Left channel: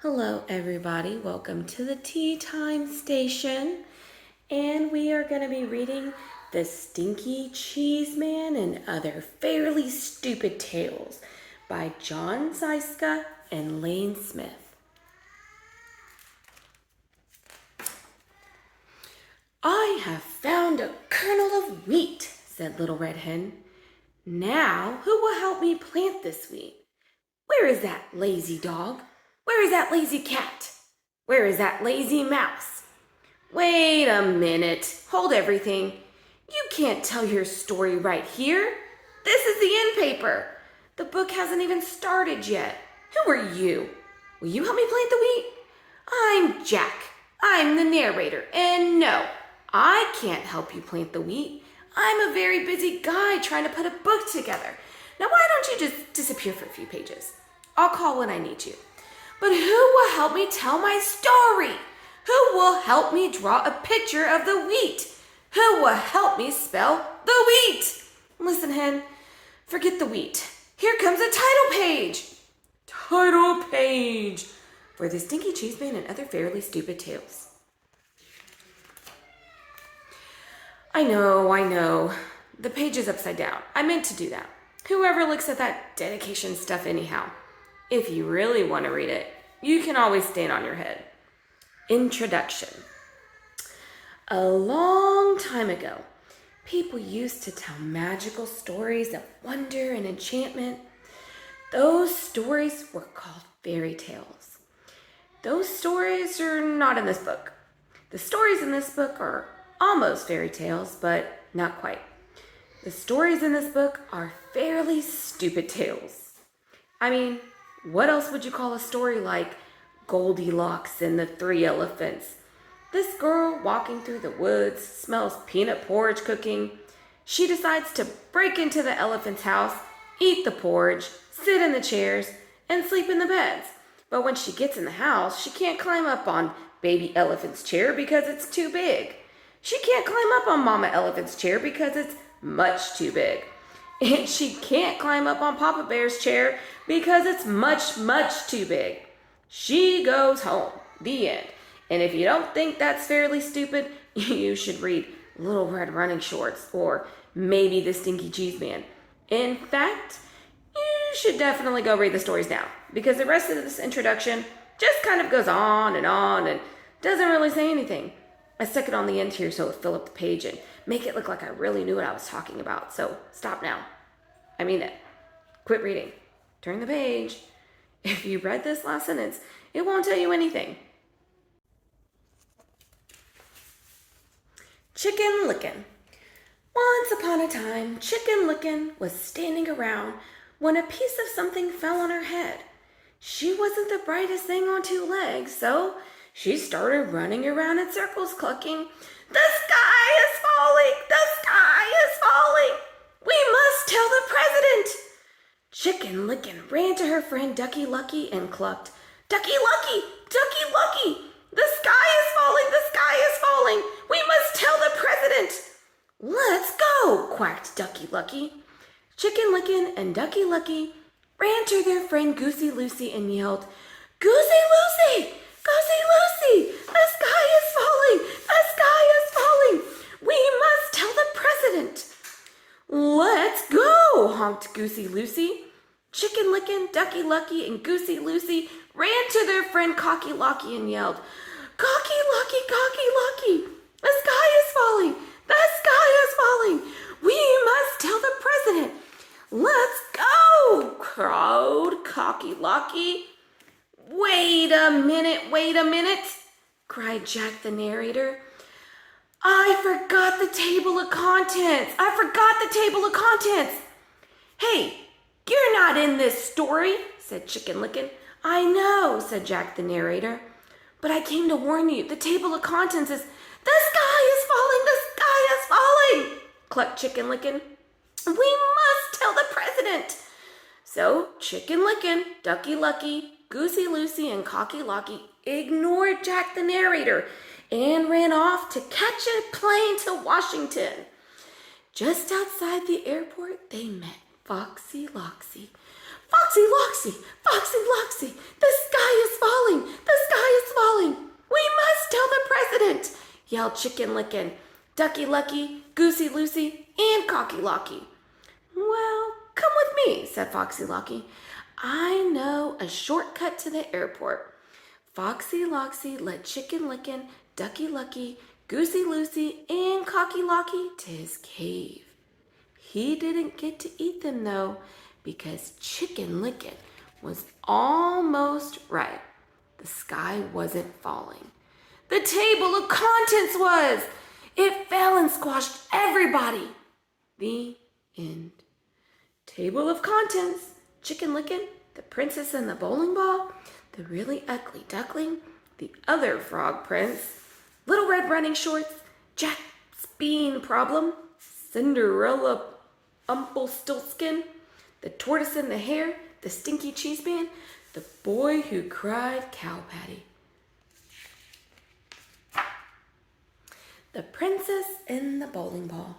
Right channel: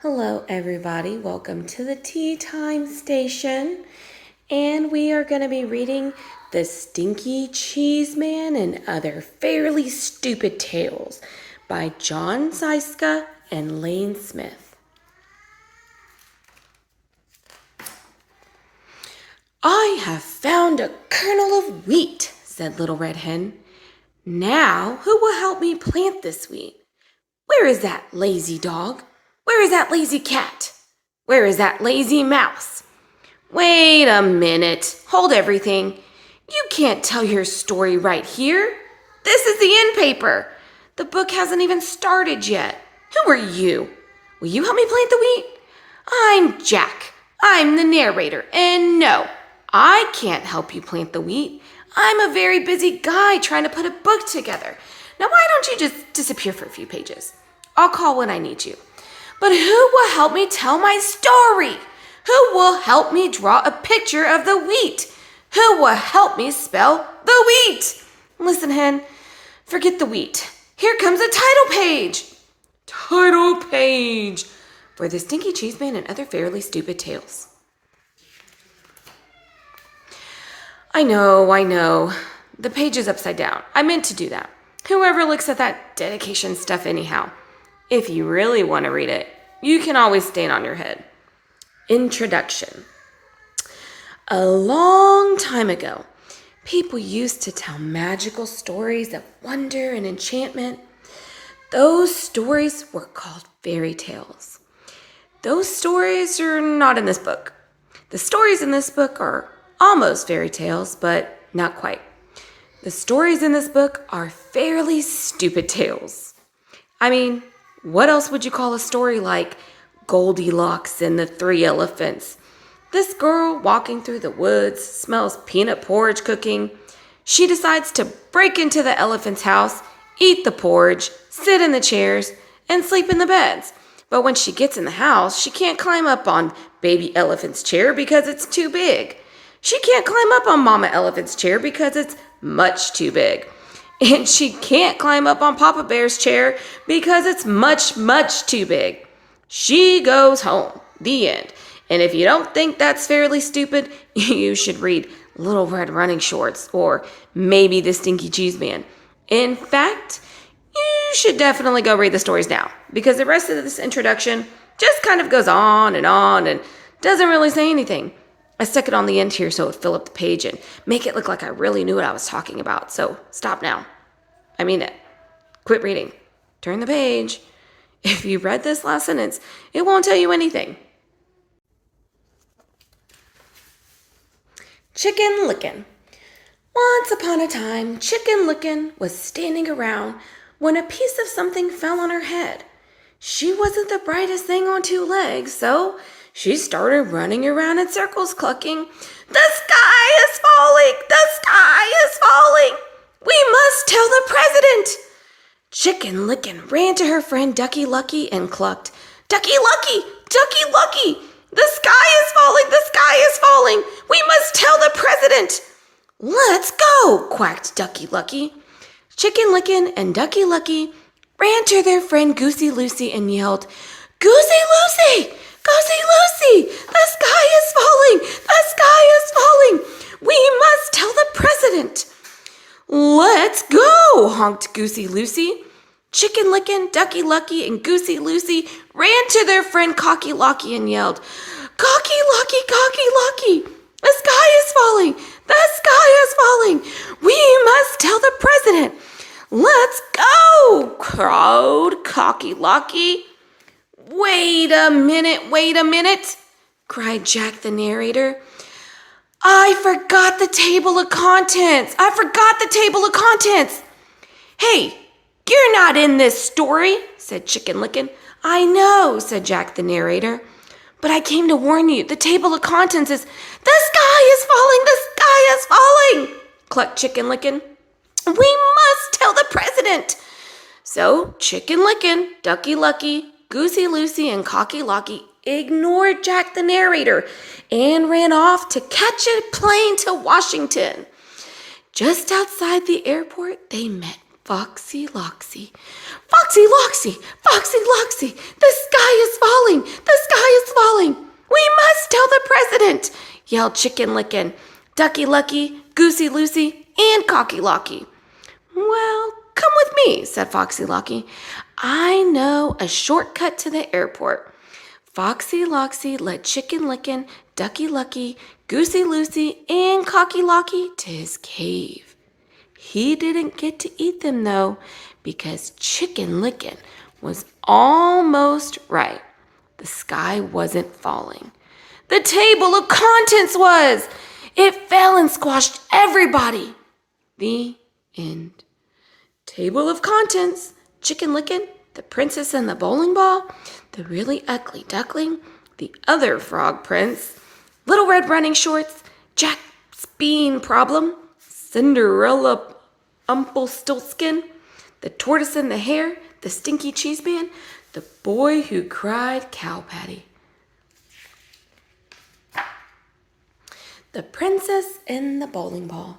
Hello everybody, welcome to the Tea Time Station, and we are going to be reading The Stinky Cheeseman and Other Fairly Stupid Tales by John Scieszka and Lane Smith. I have found a kernel of wheat, said Little Red Hen. Now who will help me plant this wheat? Where is that lazy dog? Where is that lazy cat? Where is that lazy mouse? Wait a minute. Hold everything. You can't tell your story right here. This is the end paper. The book hasn't even started yet. Who are you? Will you help me plant the wheat? I'm Jack. I'm the narrator. And no, I can't help you plant the wheat. I'm a very busy guy trying to put a book together. Now, why don't you just disappear for a few pages? I'll call when I need you. But who will help me tell my story? Who will help me draw a picture of the wheat? Who will help me spell the wheat? Listen, Hen, forget the wheat. Here comes a title page. Title page for The Stinky Cheeseman and Other Fairly Stupid Tales. I know. The page is upside down. I meant to do that. Whoever looks at that dedication stuff anyhow. If you really want to read it, you can always stand on your head. Introduction. A long time ago, people used to tell magical stories of wonder and enchantment. Those stories were called fairy tales. Those stories are not in this book. The stories in this book are almost fairy tales, but not quite. The stories in this book are fairly stupid tales. I mean, what else would you call a story like Goldilocks and the Three Elephants? This girl walking through the woods smells peanut porridge cooking. She decides to break into the elephant's house, eat the porridge, sit in the chairs, and sleep in the beds. But when she gets in the house, she can't climb up on baby elephant's chair because it's too big. She can't climb up on mama elephant's chair because it's much too big. And she can't climb up on Papa Bear's chair because it's much, much too big. She goes home. The end. And if you don't think that's fairly stupid, you should read Little Red Running Shorts or maybe The Stinky Cheeseman. In fact, you should definitely go read the stories now because the rest of this introduction just kind of goes on and doesn't really say anything. I stuck it on the end here so it would fill up the page and make it look like I really knew what I was talking about. So stop now. I mean it. Quit reading. Turn the page. If you read this last sentence, it won't tell you anything. Chicken Lickin'. Once upon a time, Chicken Lickin' was standing around when a piece of something fell on her head. She wasn't the brightest thing on two legs, so she started running around in circles, clucking, "The sky is falling! The sky is falling! We must tell the president!" Chicken Lickin' ran to her friend Ducky Lucky and clucked, "Ducky Lucky! Ducky Lucky! The sky is falling! The sky is falling! We must tell the president!" "Let's go!" quacked Ducky Lucky. Chicken Lickin' and Ducky Lucky ran to their friend Goosey Lucy and yelled, "Goosey Lucy! Goosey Lucy! The sky is falling! The sky is falling! We must tell the president!" "Let's go!" honked Goosey Lucy. Chicken Lickin', Ducky Lucky, and Goosey Lucy ran to their friend Cocky Locky and yelled, "Cocky Locky, Cocky Locky! The sky is falling! The sky is falling! We must tell the president!" "Let's go!" crowed Cocky Locky. Wait a minute, cried Jack the narrator. I forgot the table of contents. "Hey, you're not in this story," said Chicken Lickin'. "I know," said Jack the narrator. "But I came to warn you. The table of contents is, the sky is falling, the sky is falling," clucked Chicken Lickin'. "We must tell the president." So Chicken Lickin', Ducky Lucky, Goosey Lucy, and Cocky Locky ignored Jack the narrator and ran off to catch a plane to Washington. Just outside the airport, they met Foxy Loxy. "Foxy Loxy, Foxy Loxy, the sky is falling. falling! The sky is falling! We must tell the president!" yelled Chicken Licken, Ducky Lucky, Goosey Lucy, and Cocky Locky. "Well, come with me," said Foxy Locky. "I know a shortcut to the airport." Foxy Loxy led Chicken Licken, Ducky Lucky, Goosey Lucy, and Cocky Locky to his cave. He didn't get to eat them, though, because Chicken Licken was almost right. The sky wasn't falling. The table of contents was! It fell and squashed everybody. The end. Table of contents: Chicken Licken, the princess and the bowling ball, the really ugly duckling, the other frog prince, Little Red Running Shorts, Jack's bean problem, Cinderella Rumpelstiltskin, the tortoise and the hare, the stinky Cheeseman, the boy who cried cow patty. The princess and the bowling ball.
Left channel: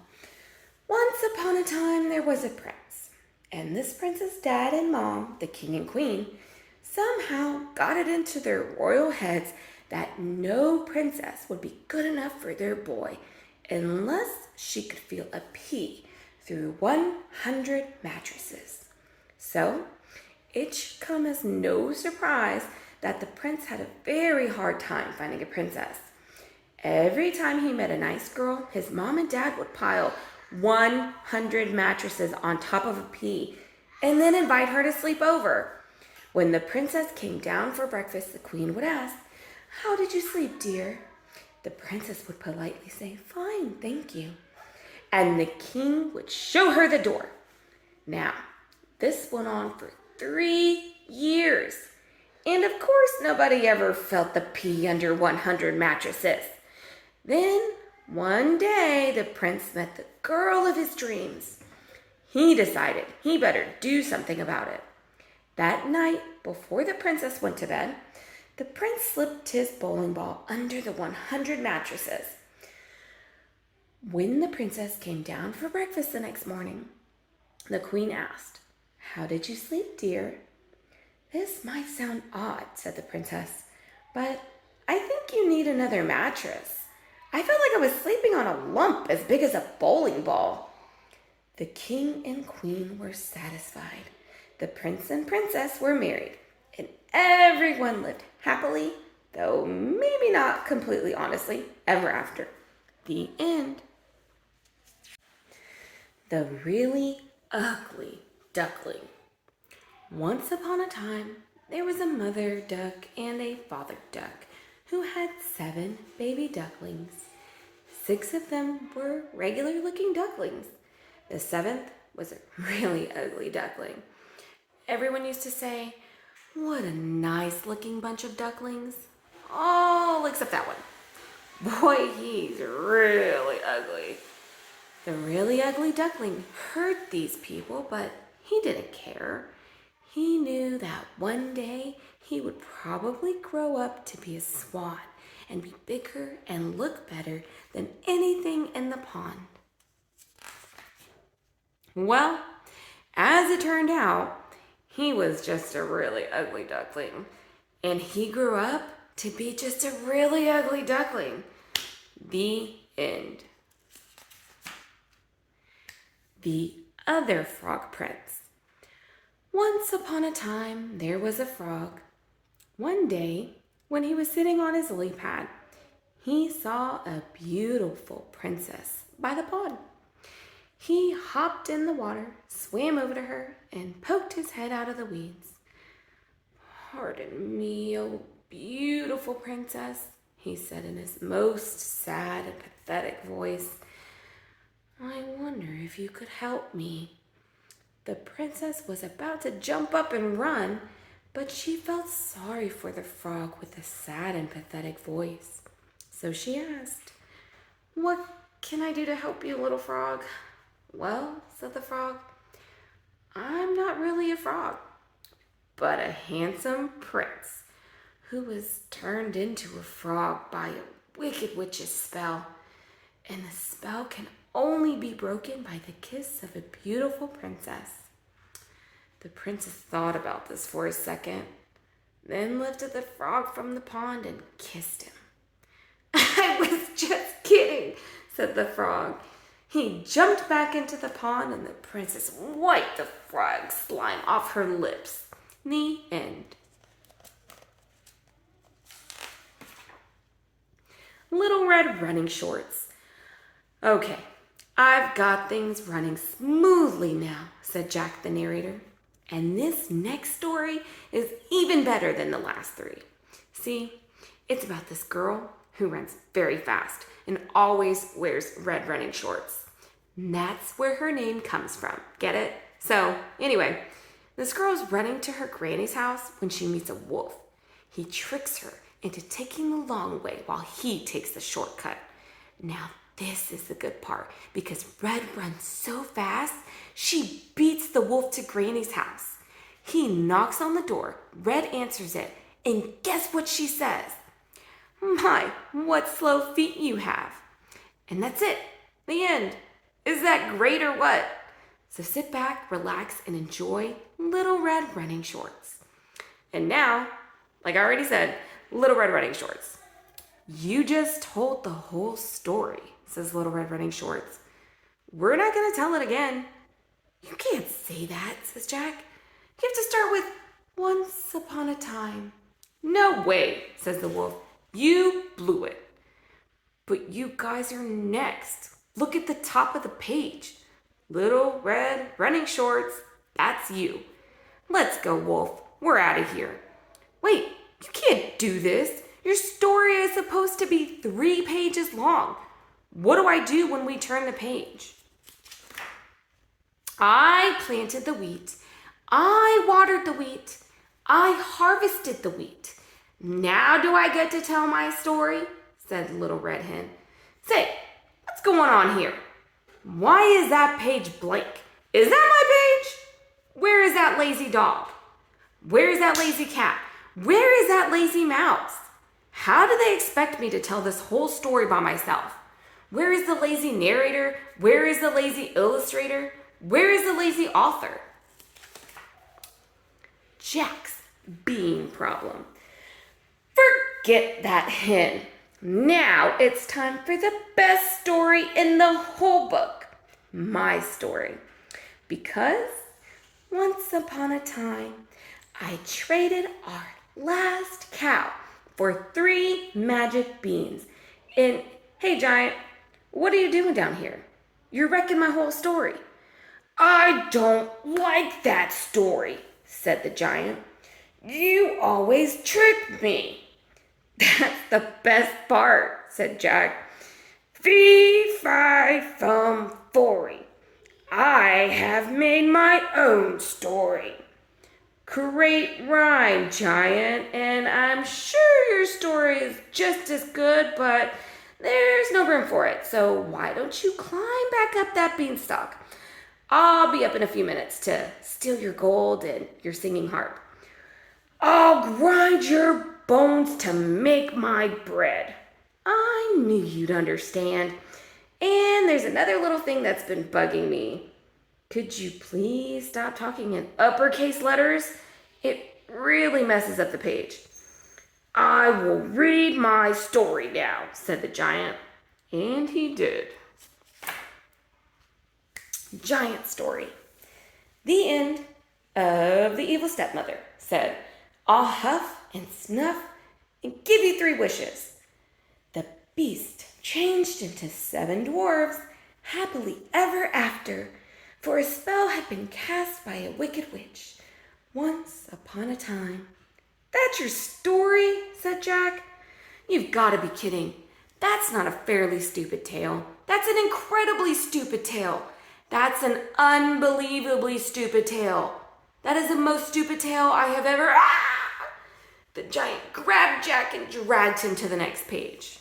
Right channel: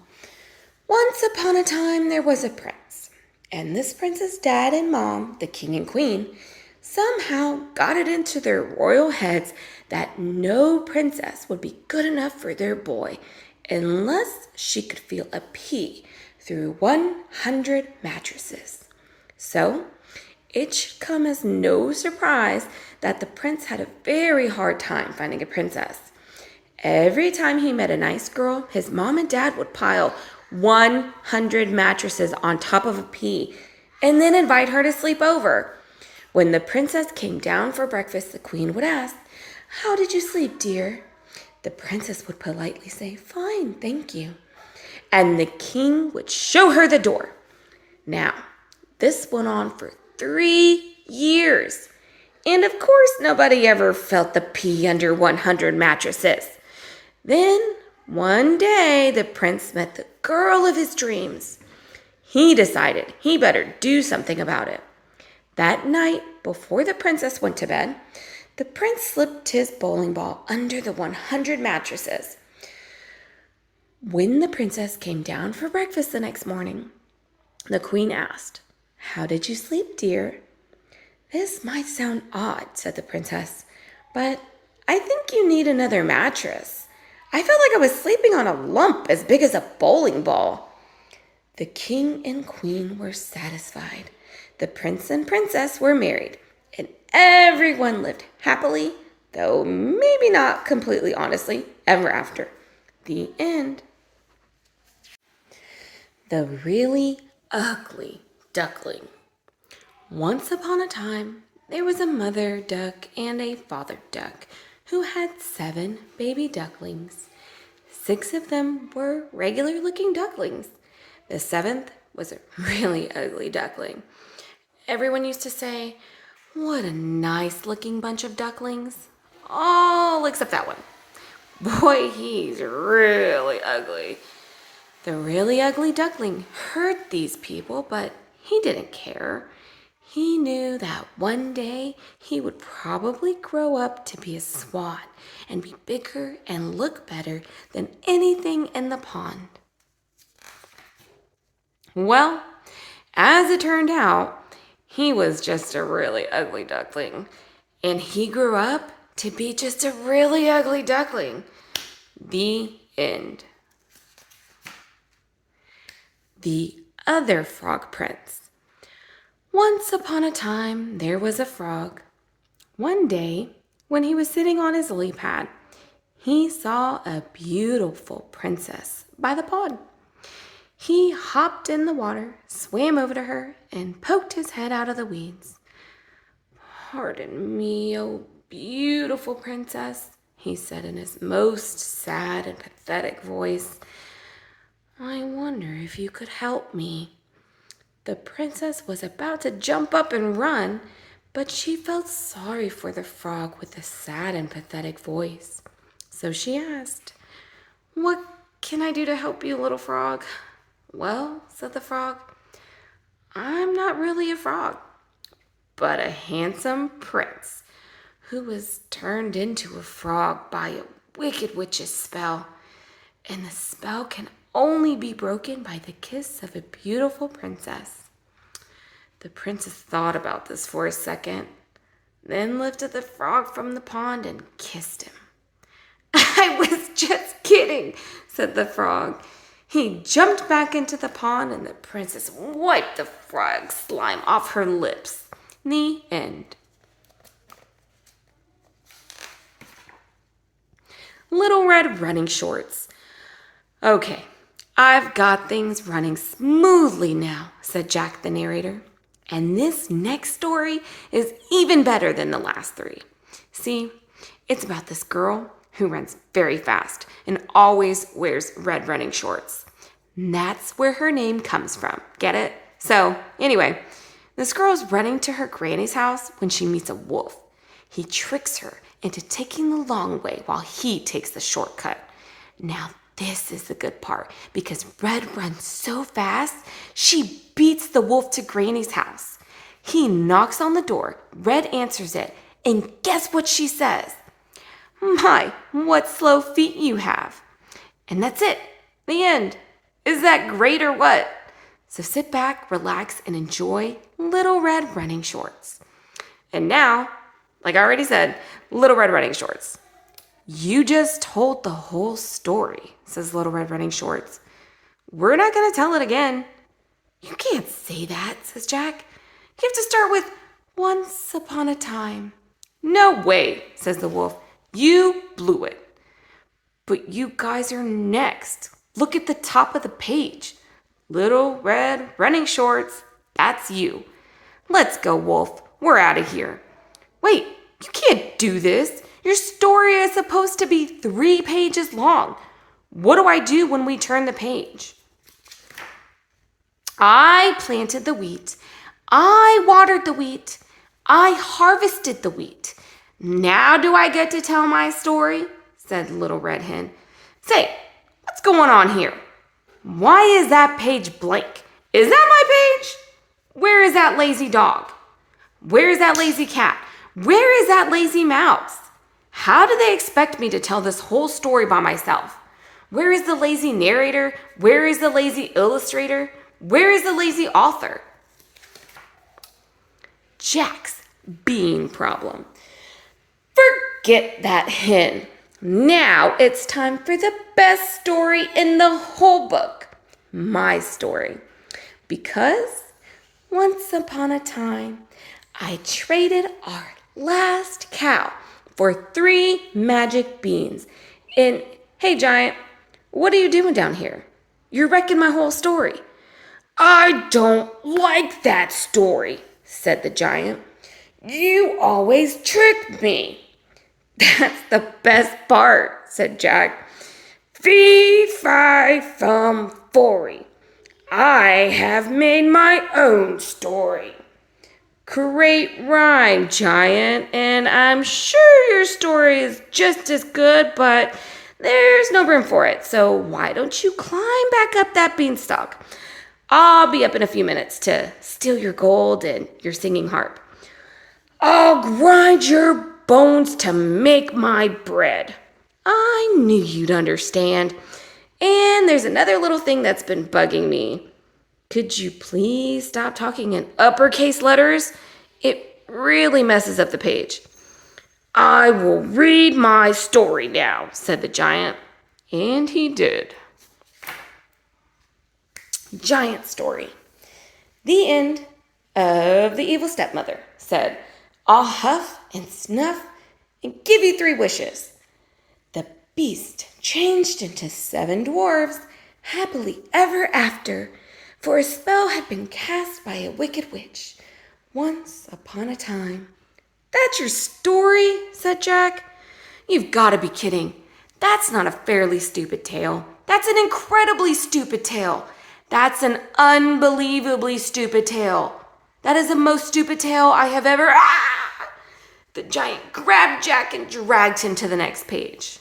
Once upon a time there was a prince, and this prince's dad and mom, the king and queen, somehow got it into their royal heads that no princess would be good enough for their boy unless she could feel a pea through 100 mattresses. So it should come as no surprise that the prince had a very hard time finding a princess. Every time he met a nice girl, his mom and dad would pile 100 mattresses on top of a pea and then invite her to sleep over. When the princess came down for breakfast, the queen would ask, "How did you sleep, dear?" The princess would politely say, "Fine, thank you." And the king would show her the door. Now, this went on for 3 years. And of course, nobody ever felt the pea under 100 mattresses. Then, one day, the prince met the girl of his dreams. He decided he better do something about it. That night, before the princess went to bed, the prince slipped his bowling ball under the 100 mattresses. When the princess came down for breakfast the next morning, the queen asked, "How did you sleep, dear?" "This might sound odd," said the princess, "but I think you need another mattress. I felt like I was sleeping on a lump as big as a bowling ball." The king and queen were satisfied. The prince and princess were married, and everyone lived happily, though maybe not completely honestly, ever after. The end. The really ugly duckling. Once upon a time, there was a mother duck and a father duck who had 7 baby ducklings. 6 of them were regular-looking ducklings. The 7th was a really ugly duckling. Everyone used to say, "What a nice-looking bunch of ducklings." All except that one. Boy, he's really ugly. The really ugly duckling hurt these people, but he didn't care. He knew that one day he would probably grow up to be a swan and be bigger and look better than anything in the pond. Well, as it turned out, he was just a really ugly duckling, and he grew up to be just a really ugly duckling. The end. The other frog prince. Once upon a time, there was a frog. One day, when he was sitting on his lily pad, he saw a beautiful princess by the pond. He hopped in the water, swam over to her, and poked his head out of the weeds. "Pardon me, oh beautiful princess," he said in his most sad and pathetic voice. "I wonder if you could help me." The princess was about to jump up and run, but she felt sorry for the frog with the sad and pathetic voice. So she asked, "What can I do to help you, little frog?" "Well," said the frog, "I'm not really a frog, but a handsome prince who was turned into a frog by a wicked witch's spell. And the spell can only be broken by the kiss of a beautiful princess." The princess thought about this for a second. then lifted the frog from the pond and kissed him. I was just kidding, said the frog. He jumped back into the pond and the princess wiped the frog slime off her lips. The end. Little Red Running Shorts. Okay, I've got things running smoothly now, said Jack the narrator. And this next story is even better than the last three. See, it's about this girl who runs very fast and always wears red running shorts. And that's where her name comes from. Get it? So, anyway, this girl is running to her granny's house when she meets a wolf. He tricks her into taking the long way while he takes the shortcut. Now, this is the good part, because Red runs so fast, she beats the wolf to Granny's house. He knocks on the door, Red answers it, and guess what she says? My, what slow feet you have. And that's it, the end. Is that great or what? So sit back, relax, and enjoy Little Red Running Shorts. And now, like I already said, Little Red Running Shorts. You just told the whole story, says Little Red Running Shorts. We're not going to tell it again. You can't say that, says Jack. You have to start with once upon a time. No way, says the wolf. You blew it. But you guys are next. Look at the top of the page. Little Red Running Shorts, that's you. Let's go, wolf. We're out of here. Wait, you can't do this. Your story is supposed to be 3 pages long. What do I do when we turn the page? I planted the wheat. I watered the wheat. I harvested the wheat. Now do I get to tell my story? Said Little Red Hen. Say, what's going on here? Why is that page blank? Is that my page? Where is that lazy dog? Where is that lazy cat? Where is that lazy mouse? How do they expect me to tell this whole story by myself? Where is the lazy narrator? Where is the lazy illustrator? Where is the lazy author? Jack's bean problem. Forget that hen. Now it's time for the best story in the whole book. My story. Because once upon a time, I traded our last cow for 3 magic beans. And hey, Giant, what are you doing down here? You're wrecking my whole story. I don't like that story, said the giant. You always trick me. That's the best part, said Jack. Fee, fi, fum, fory. I have made my own story. Great rhyme, Giant, and I'm sure your story is just as good, but there's no room for it, so why don't you climb back up that beanstalk? I'll be up in a few minutes to steal your gold and your singing harp. I'll grind your bones to make my bread. I knew you'd understand. And there's another little thing that's been bugging me. Could you please stop talking in uppercase letters? It really messes up the page. I will read my story now, said the giant. And he did. Giant story. The end of The Evil Stepmother said, I'll huff and snuff and give you 3 wishes. The beast changed into 7 dwarves, happily ever after, for a spell had been cast by a wicked witch, once upon a time. That's your story, said Jack. You've got to be kidding. That's not a fairly stupid tale. That's an incredibly stupid tale. That's an unbelievably stupid tale. That is the most stupid tale I have ever... The giant grabbed Jack and dragged him to the next page.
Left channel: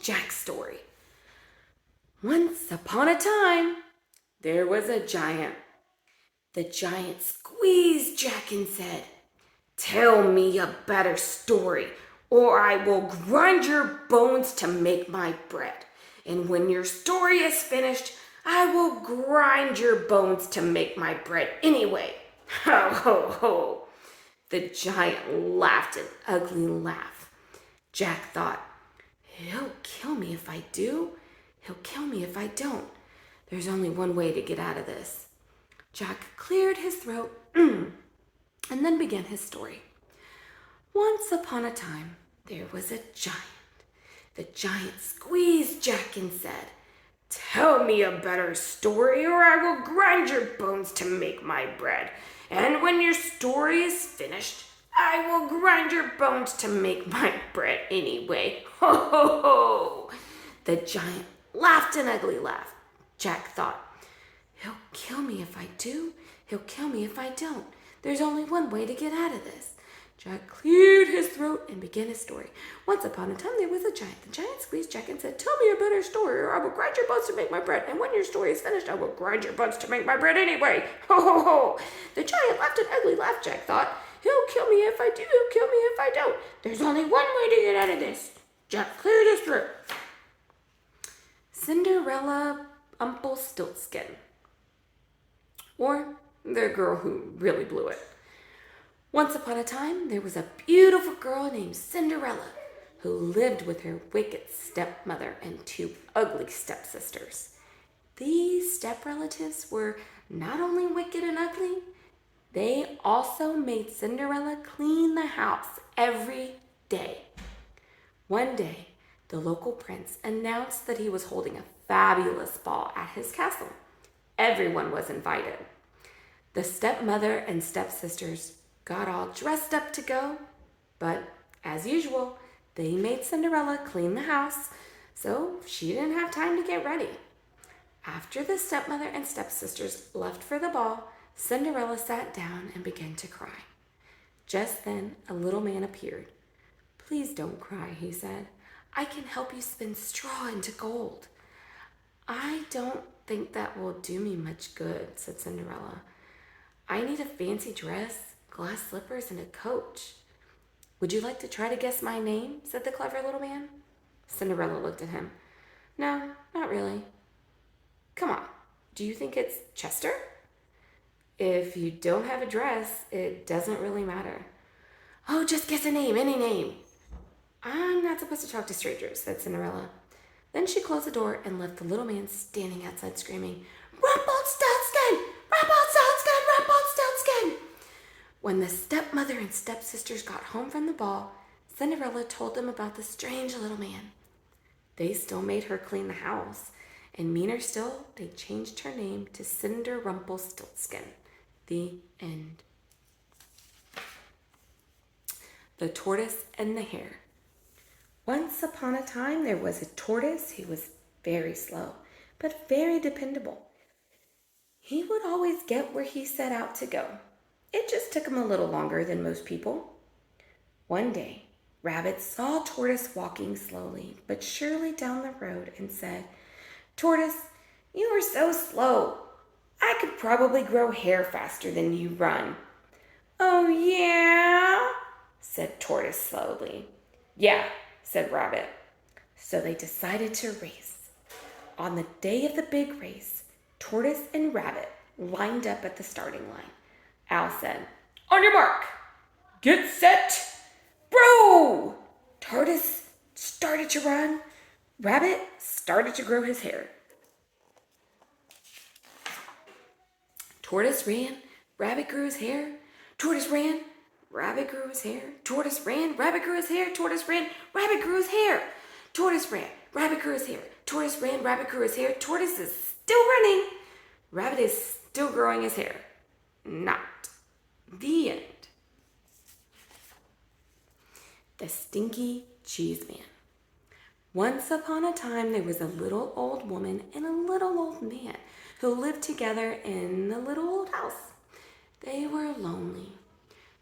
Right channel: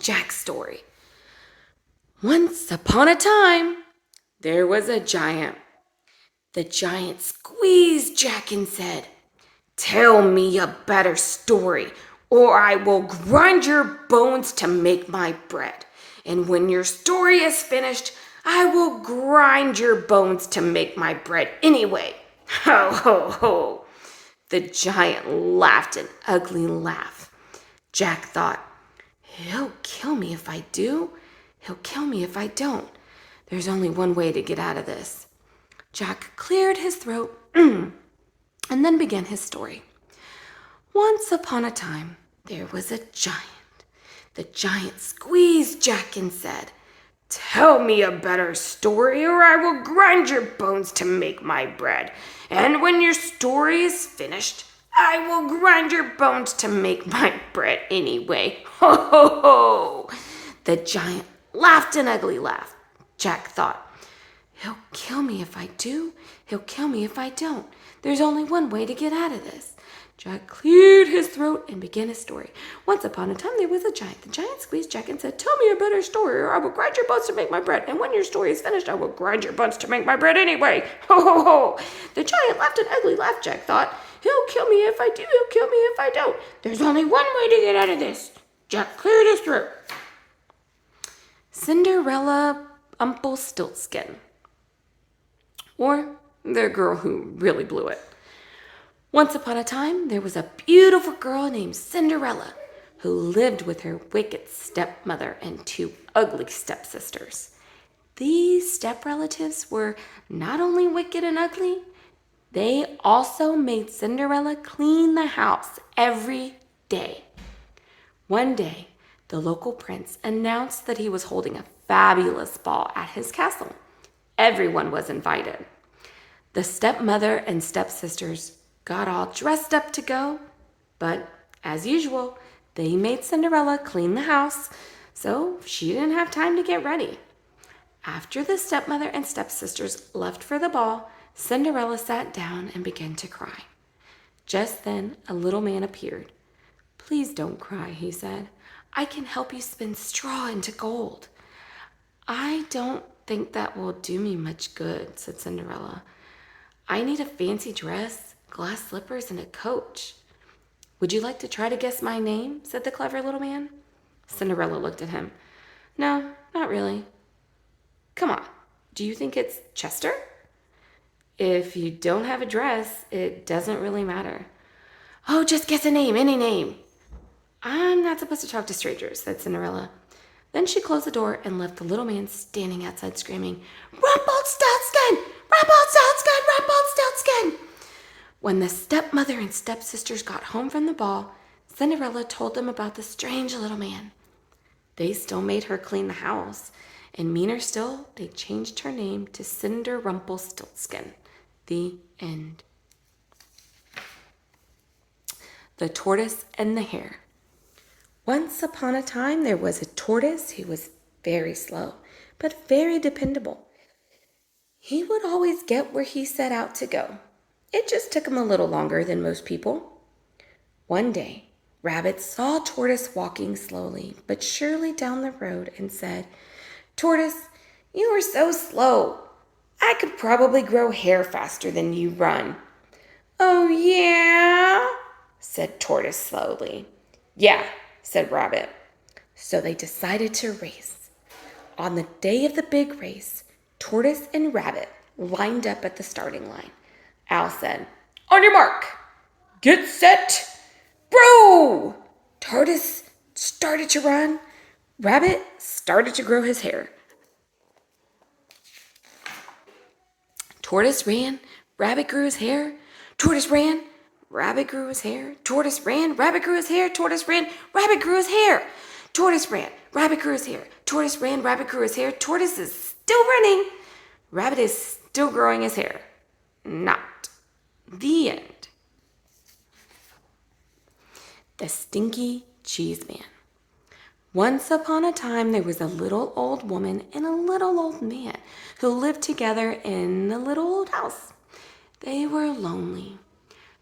Jack's story. Once upon a time, there was a giant. The giant squeezed Jack and said, Tell me a better story, or I will grind your bones to make my bread. And when your story is finished, I will grind your bones to make my bread anyway. Ho, ho, ho. The giant laughed an ugly laugh. Jack thought, he'll kill me if I do. He'll kill me if I don't. There's only one way to get out of this. Jack cleared his throat and then began his story. Once upon a time, there was a giant. The giant squeezed Jack and said, tell me a better story or I will grind your bones to make my bread. And when your story is finished, I will grind your bones to make my bread anyway. Ho, ho, ho. The giant laughed an ugly laugh. Jack thought, he'll kill me if I do. He'll kill me if I don't. There's only one way to get out of this. Jack cleared his throat and began his story. Once upon a time, there was a giant. The giant squeezed Jack and said, tell me a better story, or I will grind your bones to make my bread. And when your story is finished, I will grind your bones to make my bread anyway. Ho, ho, ho. The giant laughed an ugly laugh. Jack thought, he'll kill me if I do. He'll kill me if I don't. There's only one way to get out of this. Jack cleared his throat. Cinderella Rumpelstiltskin, or the girl who really blew it. Once upon a time, there was a beautiful girl named Cinderella who lived with her wicked stepmother and two ugly stepsisters. These step-relatives were not only wicked and ugly, they also made Cinderella clean the house every day. One day, the local prince announced that he was holding a fabulous ball at his castle. Everyone was invited. The stepmother and stepsisters got all dressed up to go, but as usual, they made Cinderella clean the house, so she didn't have time to get ready. After the stepmother and stepsisters left for the ball, Cinderella sat down and began to cry. Just then, a little man appeared. Please don't cry, he said. I can help you spin straw into gold. I don't think that will do me much good, said Cinderella. I need a fancy dress, glass slippers, and a coach. Would you like to try to guess my name? Said the clever little man. Cinderella looked at him. No, not really. Come on, do you think it's Chester? If you don't have a dress, it doesn't really matter. Oh, just guess a name, any name. I'm not supposed to talk to strangers, said Cinderella. Then she closed the door and left the little man standing outside screaming, Rumpelstiltskin! Rumpelstiltskin! Rumpelstiltskin! When the stepmother and stepsisters got home from the ball, Cinderella told them about the strange little man. They still made her clean the house, and meaner still, they changed her name to Cinder Rumpelstiltskin. The end. The Tortoise and the Hare. Once upon a time, there was a tortoise who was very slow, but very dependable. He would always get where he set out to go. It just took him a little longer than most people. One day, Rabbit saw Tortoise walking slowly but surely down the road and said, Tortoise, you are so slow. I could probably grow hair faster than you run. Oh, yeah, said Tortoise slowly. Yeah, said Rabbit. So they decided to race. On the day of the big race, Tortoise and Rabbit lined up at the starting line. Al said, on your mark, get set, bro! Tortoise started to run. Rabbit started to grow his hair. Tortoise ran, Rabbit grew his hair. Tortoise ran, Rabbit grew his hair. Tortoise ran, Rabbit grew his hair. Tortoise ran, Rabbit grew his hair. Tortoise ran, Rabbit grew his hair. Tortoise ran, Rabbit grew his hair. Tortoise is still running. Rabbit is still growing his hair. Not. The end. The Stinky Cheeseman. Once upon a time, there was a little old woman and a little old man who lived together in a little old house. They were lonely.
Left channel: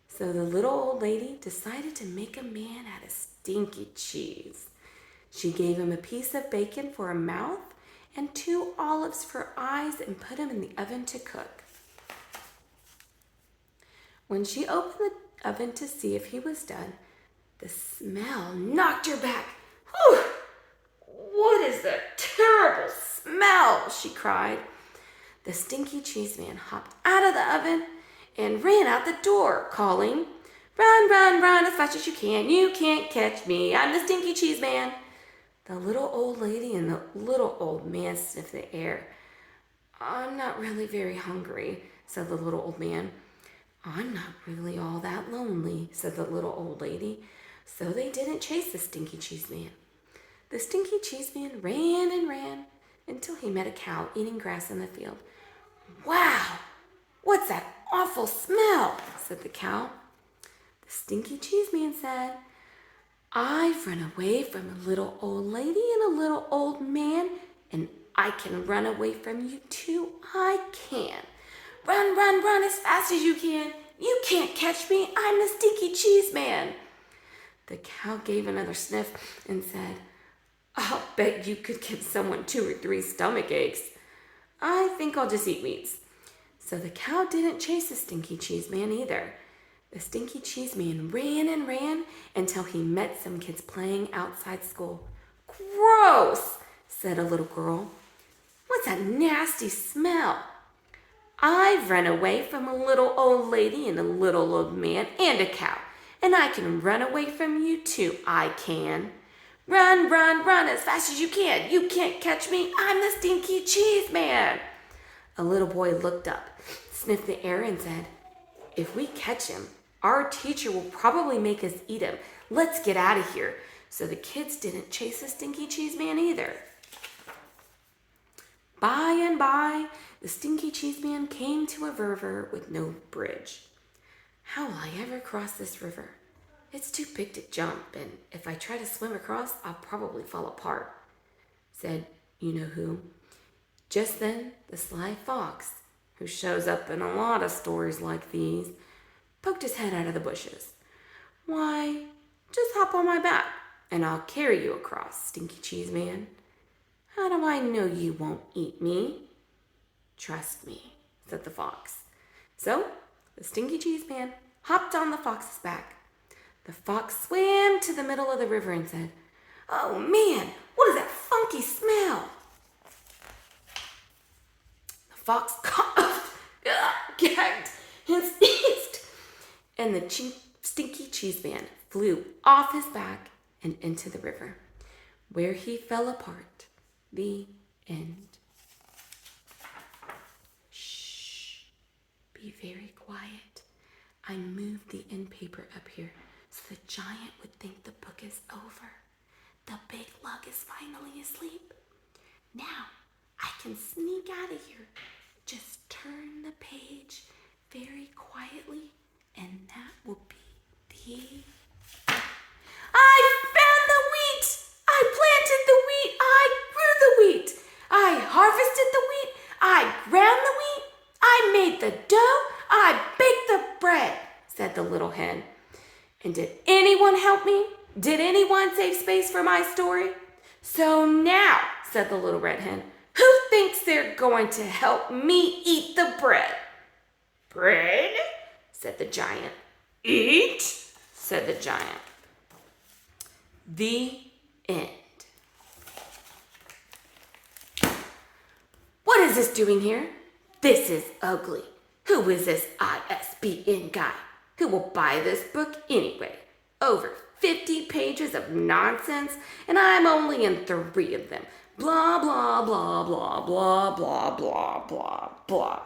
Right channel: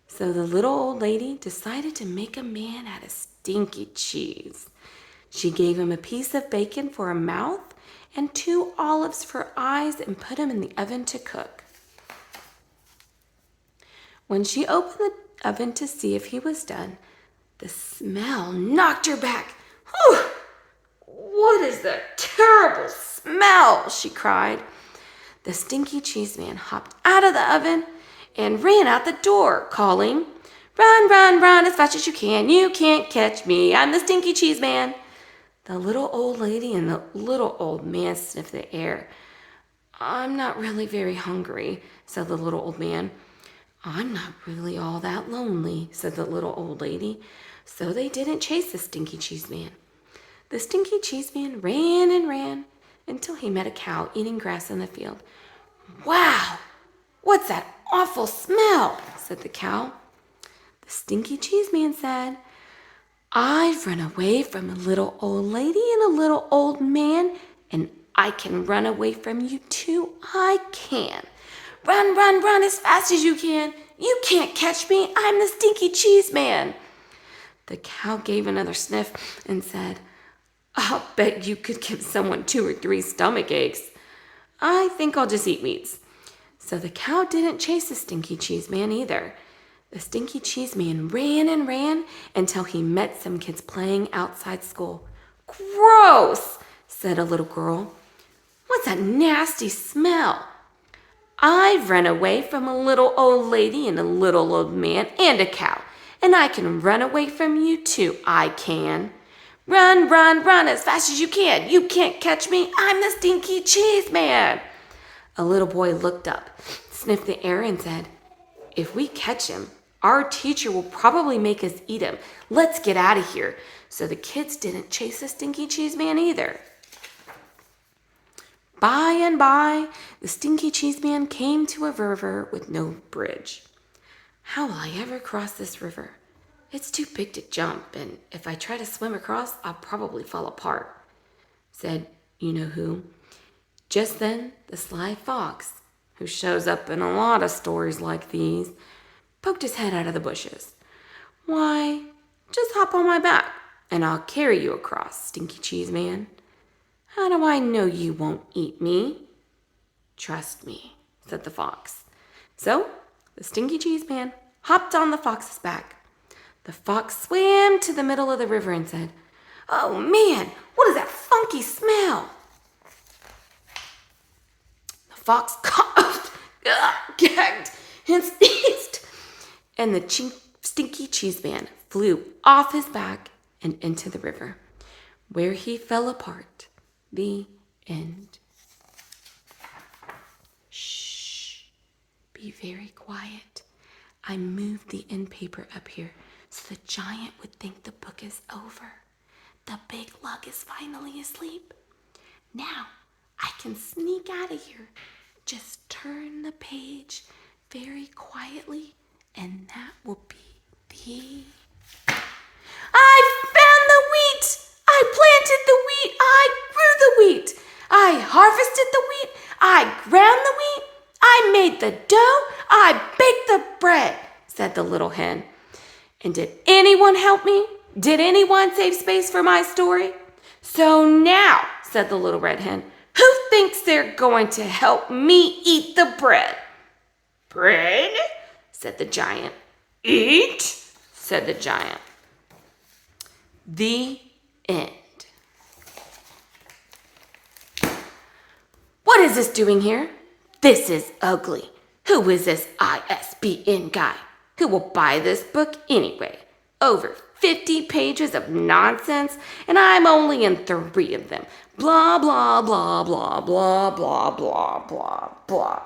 So the little old lady decided to make a man out of stinky cheese. She gave him a piece of bacon for a mouth and 2 olives for eyes and put him in the oven to cook. When she opened the oven to see if he was done, the smell knocked her back. Whew! What is that terrible smell? She cried. The Stinky Cheeseman hopped out of the oven and ran out the door, calling, Run, run, run as fast as you can. You can't catch me. I'm the Stinky Cheeseman. The little old lady and the little old man sniffed the air. I'm not really very hungry, said the little old man. I'm not really all that lonely, said the little old lady. So they didn't chase the Stinky Cheeseman. The Stinky Cheeseman ran and ran until he met a cow eating grass in the field. Wow, what's that awful smell? Said the cow. The Stinky Cheeseman said, I've run away from a little old lady and a little old man, and I can run away from you too. I can. Run, run, run as fast as you can. You can't catch me. I'm the Stinky Cheeseman. The cow gave another sniff and said, I'll bet you could give someone 2 or 3 stomach aches. I think I'll just eat weeds. So the cow didn't chase the Stinky Cheeseman either. The Stinky Cheeseman ran and ran until he met some kids playing outside school. Gross, said a little girl. What's that nasty smell? I've run away from a little old lady and a little old man and a cow, and I can run away from you too, I can. Run, run, run as fast as you can. You can't catch me. I'm the Stinky Cheeseman. A little boy looked up, sniffed the air, and said, If we catch him, our teacher will probably make us eat him. Let's get out of here. So the kids didn't chase the Stinky Cheeseman either. By and by, the Stinky Cheeseman came to a river with no bridge. How will I ever cross this river? It's too big to jump, and if I try to swim across, I'll probably fall apart, said you-know-who. Just then, the sly fox, who shows up in a lot of stories like these, poked his head out of the bushes. Why, just hop on my back, and I'll carry you across, Stinky Cheeseman. How do I know you won't eat me? Trust me, said the fox. So, the Stinky Cheeseman hopped on the fox's back. The fox swam to the middle of the river and said, Oh man, what is that funky smell? The fox coughed, gagged, and sneezed, and the Stinky Cheeseman flew off his back and into the river, where he fell apart. The end. Shh. Be very quiet. I moved the end paper up here so the giant would think the book is over. The big lug is finally asleep. Now I can sneak out of here. Just turn the page very quietly, and that will be the... I found the wheat! I planted the wheat! I grew the wheat! I harvested the wheat! I ground the wheat! I made the dough! I baked the bread, said the little hen. And did anyone help me? Did anyone save space for my story? So now, said the little red hen, who thinks they're going to help me eat the bread? Bread? Said the giant. Eat? Said the giant. The end. What is this doing here? This is ugly. Who is this ISBN guy? Who will buy this book anyway? Over 50 pages of nonsense, and I'm only in 3 of them. Blah, blah, blah, blah, blah, blah, blah, blah, blah.